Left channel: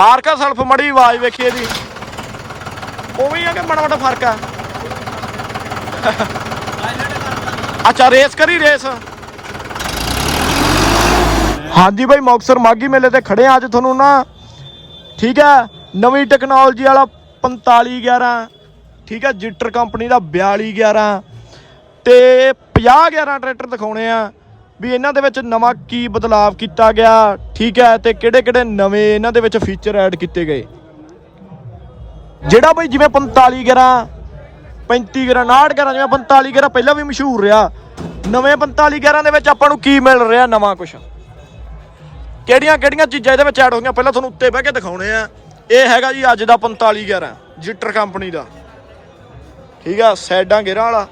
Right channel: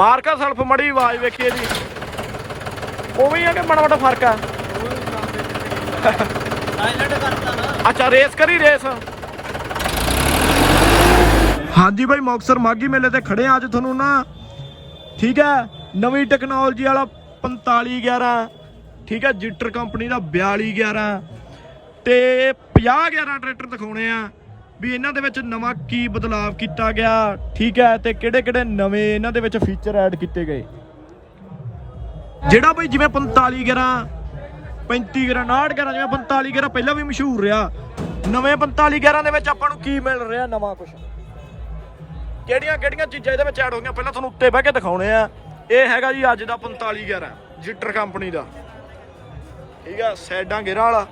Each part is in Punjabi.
ਮਾਰਕਾ ਸਲਫ ਮੜੀ ਆਵਾਜ਼ ਵੇਖੀ ਇਹਦੀ। ਉਵੇਂ ਹੀ ਆ ਕਿ ਮਾੜਾ ਮਾੜਾ ਫ਼ਰਕ ਆ? ਅੱਛਾ ਰੇਸ ਕਰੀ ਰੇਸ ਹਾਂਜੀ ਬਾਈ ਮੁਕਤਸਰ ਮਾਗੀ ਮੇਲੇ ਤੇ ਖੜੇ ਆ ਅੱਜ ਤੁਹਾਨੂੰ ਨਾ। ਠੀਕ ਹੈ, ਨਵੀਂ ਟੈਕਨੋਲੋਜੀ ਵਾਲਾ 4511 ਠੀਕ ਹੈ, ਜਿੱਟਰ ਕੰਪਨੀ ਦਾ 4211 ਤੇ 5011 ਟਰੈਕਟਰ ਦਿਖਾਉਣੇ ਆ। ਵੀ ਇਹਨਾਂ ਦੇ ਵਿੱਚ ਨਵਾਂ ਕੀ ਬਦਲਾਵ ਕੀਤਾ ਗਿਆ, ਠੀਕ ਹੈ, ਤੇ ਕਿਹੜੇ ਕਿਹੜੇ ਨਵੇਂ ਇਹਨਾਂ ਦੇ ਵਿੱਚ ਫੀਚਰ ਐਡ ਕੀਤੇ ਗਏ? ਜਿਹੜਾ ਬਈ ਜਿਵੇਂ 4511 35 ਗਰਾ 59 ਗਰਾ ਜਿਵੇਂ 45 ਗਰਾ ਪਹਿਲਾਂ ਵੀ ਮਸ਼ਹੂਰ ਰਿਹਾ, ਨਵੇਂ 45 ਗਰਾਂ ਦੇ ਵਿੱਚ ਆਪਾਂ ਨੂੰ ਕੀ ਮਿਲ ਰਿਹਾ ਨਵਾਂ ਕੁਝ ਕਿਹੜੀਆਂ ਕਿਹੜੀਆਂ ਚੀਜ਼ਾਂ ਇਹਦੇ ਵਿੱਚ ਐਡ ਹੋ ਗਈਆਂ? ਪਹਿਲਾਂ ਤੁਹਾਨੂੰ ਉੱਤੇ ਬਹਿ ਕੇ ਦਿਖਾਉਣੇ ਆ। ਇਹ ਹੈਗਾ ਜੀ ਅੱਜ ਦਾ 45 ਗਰਾ ਜਿੱਟਰ ਕੰਪਨੀ ਦਾ। ਠੀਕ ਆ ਸਾਈਡਾਂ ਗੇਰਾਂ ਵਾਲਾ।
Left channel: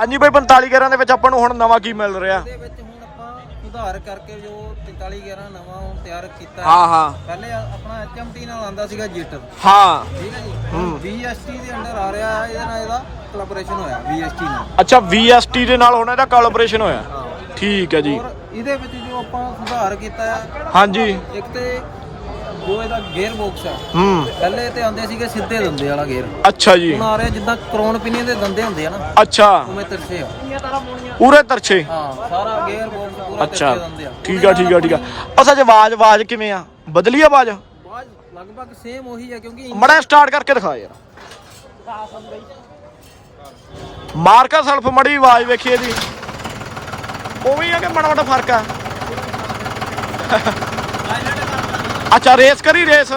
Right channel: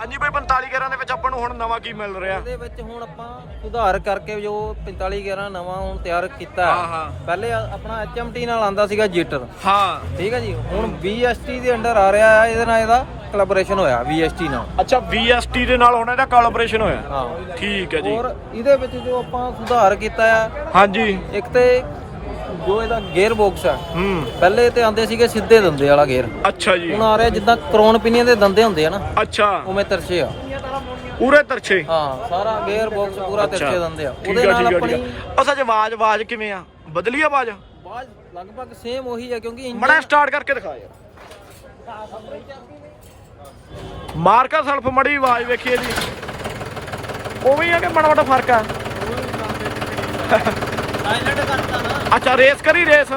ਹਾਂਜੀ ਬਈ 45 ਗਰਾਂ ਦੇ ਵਿੱਚ ਆਪਾਂ ਨੂੰ ਹੁਣ ਨਵਾਂ ਕੀ ਮਿਲ ਰਿਹਾ? ਇਹਦੇ ਵਿੱਚ ਹੁਣ ਆਪਾਂ ਸੁਧਾਰ ਕਰਕੇ ਜੋ 45 11 ਨਵਾਂ ਹੁਣ ਤਿਆਰ ਕੀਤਾ। ਹੈ। ਹਾਂ। ਪਹਿਲੇ ਆ- ਆਪਣਾ HMT ਨਾਲ ਆਂਦਾ ਸੀਗਾ ਜੀਟਰ। ਹਾਂ। ਠੀਕ ਹੈ ਜੀ? ਹੁਣ VST ਦੇ ਅੰਡਰ ਆ ਰਿਹਾ ਹੈ ਇਹਦੇ ਨਾਲ ਇਹਦਾ ਕੋਲੈਬੋਰੇਸ਼ਨ ਹੋਇਆ VST ਨਾਲ। ਅੱਛਾ VST ਦੇ ਨਾਲ ਹੁਣ ਇਹਦਾ ਕੋਲੈਬੋਰੇਸ਼ਨ ਹੋਇਆ? ਹਾਂ। ਠੀਕ ਹੈ ਜੀ। ਔਰ ਇਹਦੇ ਵਿੱਚ ਜੋ ਆਪਾਂ ਸੁਧਾਰ ਕੀਤਾ ਹੈ ਹਾਂਜੀ। ਇੱਕ ਤੇ ਜੋ ਇਹਦਾ ਗੇਅਰ ਬਾਕਸ ਹੈ ਹੂੰ। ਪਹਿਲੇ ਤੇ ਆਂਦੇ ਸੀਗੇ ਸਿੱਧੇ ਦੰਦੇ ਵਾਲਾ ਗੇਅਰ ਅੱਛਾ ਜੀ। ਹੁਣ ਆ ਰਿਹਾ ਜਿੱਦਾਂ ਕਰੋਨ ਪਿਨੀਅਨ ਦੇ ਦੰਦੇ ਹੁੰਦੇ ਆ ਨਾ ਅੱਛਾ। ਉਵੇਂ ਤਰਛੇ ਆ। ਪੂਰੇ ਤਰਛੇ? ਹਾਂ ਸਾਰਾ ਗੇਅਰ ਬਾਕਸ ਪੂਰਾ ਤਰਛੇ ਦੰਦੇ ਆ। ਠੀਕ ਆ ਠੀਕ ਆ ਠੀਕ ਆ। ਅਸਾ ਚ ਆਵਾਜ਼ ਆਵਾਜ਼ ਕਿਵੇਂ ਆ? ਬਦਲੀ ਆਵਾਜ਼? ਬਾਅਦ ਲਗਭਗ ਸੇਮ ਉਹੀ ਹੈ ਕਿਉਂਕਿ ਮੜਾ ਸਟਾਰਟ ਕਰਕੇ ਦਿਖਾ ਯਾਰ। ਮਾਰਕਾ ਸਲਫ ਮੜੀ ਆਵਾਜ਼ ਵੇਖੀ ਇਹਦੀ। ਉਵੇਂ ਆ ਕਿ ਮਾੜਾ ਮਾੜਾ ਫ਼ਰਕ ਆ? ਅੱਛਾ ਰੇਸ ਕਰੀ ਰੇਸ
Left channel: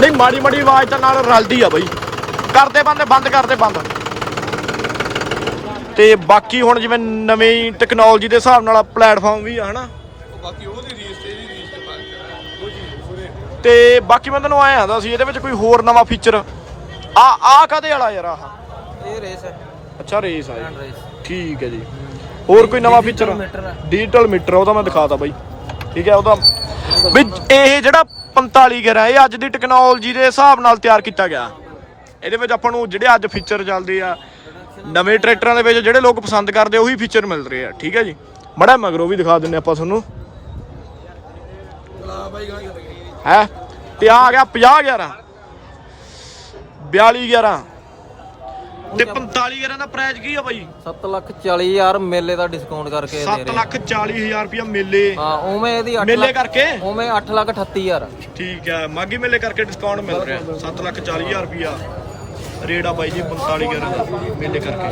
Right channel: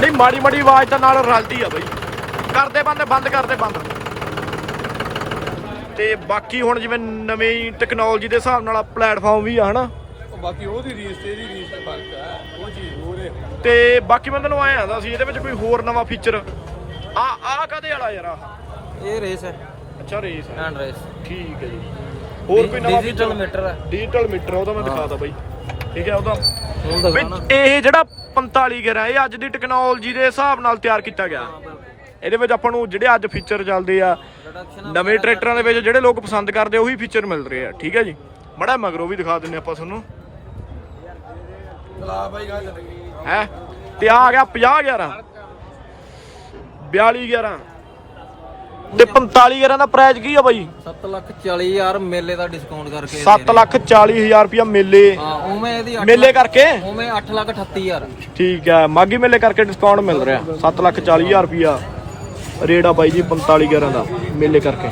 ਨਹੀਂ ਮਾੜੀ ਮਾੜੀ ਆਵਾਜ਼ ਤਾਂ ਨਾਲ ਰਲਦੀ ਆ ਬਈ। ਕਰਦੇ ਬੰਦ ਬੰਦ ਕਰਦੇ ਬੰਦ। ਤੇ ਬਾਕੀ ਹੁਣ ਜਿਵੇਂ ਨਵੀਂ ਟੈਕਨੋਲੋਜੀ ਦੇ ਹਿਸਾਬ ਨਾਲ ਪਲੇਟਫਾਰਮ ਵੀ ਆ ਹਨਾ। ਤੇ ਬਾਕੀ ਮੈਂ ਤੈਨੂੰ ਆਇਆ ਆਂਦਾ ਸੀ ਇਹਦੇ ਵਿੱਚ ਕੋਈ ਹੋਰ ਨਵਾਂ ਫੀਚਰ ਆ ਆ ਕਦੇ ਵਾਲਾ ਯਾਰ ਆਹ? ਇਹ ਰੇਸ ਹੈ। ਅੱਛਾ ਰੇਸ ਆ। Hand race. ਠੀਕ ਹੈ ਜੀ। ਹੋਰ ਕੋਈ ਨਵਾਂ ਫੀਚਰ meter ਹੈ ਡਿਜੀਟਲ ਮੀਟਰ ਉਹਦਾ ਮੈਂ ਦਿਖਾਤਾ ਬਾਈ। ਠੀਕ ਹੈ ਉਹਦਾ ਵੀ ਇਹ ਜਿਹੜਾ 45 ਗਰਾ ਇਹ ਅੱਜ ਦੀ ਟੈਕਨੋਲੋਜੀ ਦੇ ਹਿਸਾਬ ਨਾਲ ਤਿਆਰ ਕੀਤਾ ਗਿਆ। ਇਹਦੇ ਵਿੱਚ ਆਪਾਂ ਨੂੰ ਜਿਹੜੇ ਅੱਜ ਫੀਚਰ ਚੱਲਦੇ ਆ ਨਵੇਂ ਟਰੈਕਟਰਾਂ ਦੇ ਵਿੱਚ ਜਿਹੜੇ ਲੋਕ ਪਸੰਦ ਕਰਦੇ ਉਹੀ ਫੀਚਰ ਮਿਲ ਰਹੇ ਆ। ਠੀਕ ਹੈ ਜੀ। ਮੜਾ ਮਗਰੋਂ ਵੀ ਦਿਖਾ ਦਿੰਨੇ ਆਪਾਂ ਤੁਹਾਨੂੰ। ਹੈ? ਤੇ ਆ ਗਿਆ 50 11 42 11 ਤੇ 45 11 ਦਾ ਪ੍ਰਾਈਸ ਕੀ ਆ ਬਾਈ? 7 ਲੱਖ 40 ਹਜ਼ਾਰ ਮੇਲੇ ਦਾ ਡਿਸਕਾਊਂਟ ਕਰਕੇ 7 ਲੱਖ 40 ਹਜ਼ਾਰ ਰੁਪਇਆ ਮੇਲੇ। ਹਾਂ ਉਵੇਂ ਇਹਦੀ 8 ਮੇਲੇ ਕਰਕੇ? ਉਵੇਂ 8 ਲੱਖ 38 ਹਜ਼ਾਰ। ਠੀਕ ਹੈ ਮਾਗੀ ਮੇਲੇ ਕਰਕੇ ਡਿਸਕਾਊਂਟ ਮਿਲ ਰਿਹਾ। 7 ਲੱਖ 40 ਹਜ਼ਾਰ ਰੁਪਇਆ। ਰੇਟ ਆ ਬਾਈ ਜੀ 45 11 ਦਾ ਮੇਲੇ ਕਰਕੇ।